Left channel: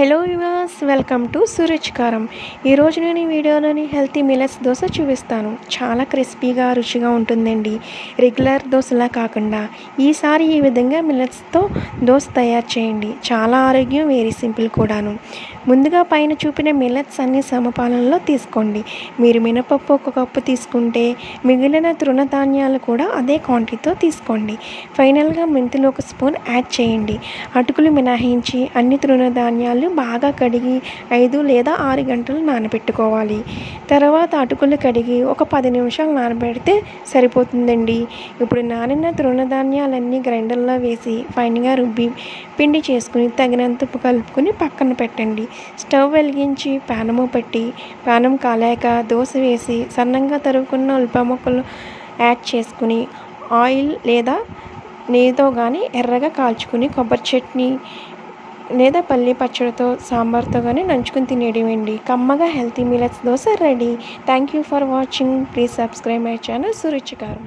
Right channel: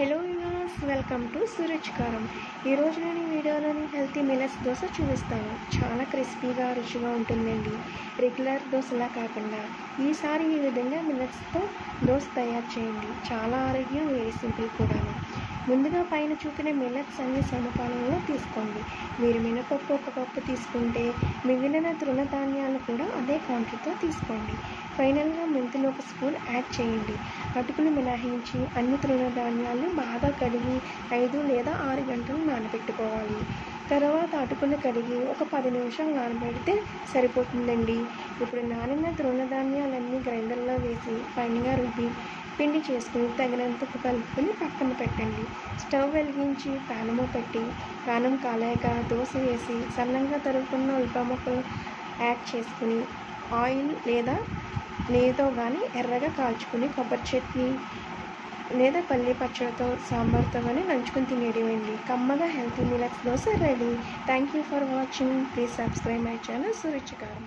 Hello viewers, welcome to Suruchikaram. ఈరోజు నేను ఈ వీడియోలోని హెల్తీ మిల్లెట్స్ దోశ చూపిస్తాను. చాలా క్రిస్పీగా రుచిగా ఉంటుందండి. రెగ్యులర్ దోశలా కాకుండా ఈసారి ఈ విధంగా మిల్లెట్స్తో దోశ తయారు చేయండి. చాలా ఆరోగ్యం, వెరీ సింపుల్ కూడాను. ముందుగా పైన చూపిన మిల్లెట్స్ అన్ని సమపాలనలో తీసుకోండి. మీరు మినపప్పు 1 కప్పు తీసుకుంటే మిగిలిన తృణధాన్యాలు కూడా అదే క్వాంటిటీతో తీసుకోండి. ఫైనల్గా మెంతులు 1 స్పూన్ యాడ్ చేయండి. అటుకులు మినహాయించి అన్ని తృణధాన్యాలు బాగా కడిగి 5 లేదా 6 గంటలు నానబెట్టుకోవాలి. తర్వాత అటుకులు కడిగి ఒక 10 నిమిషాలు నానబెడితే సరిపోతుందండి. ఇప్పుడు నానిన తృణధాన్యాలన్నీ గ్రైండర్లో వేసి ఫైన్గా రుబ్బి పిండి చేసుకుని తగినంత ఉప్పు కలుపుకొని పక్కన పెట్టండి. స్టవ్ వెలిగించి పానము పెట్టి పానం కాలాక దోశ వేసి సన్నంగా తరుగుకున్న ఉల్లిపాయ ముక్కలు యాడ్ చేసుకుని ఆయిల్ లేదా నెయ్యితో కానీ ఎర్రగా కాల్చుకుని కొబ్బరి చట్నీ లేదా పల్లి పచ్చడితో సాంబార్తో కానీ నంచుకుని తినేయడమేండి. కమ్మగా healthy millets dosa ready. Thank you for watching. Please subscribe my channel సురుచికారం.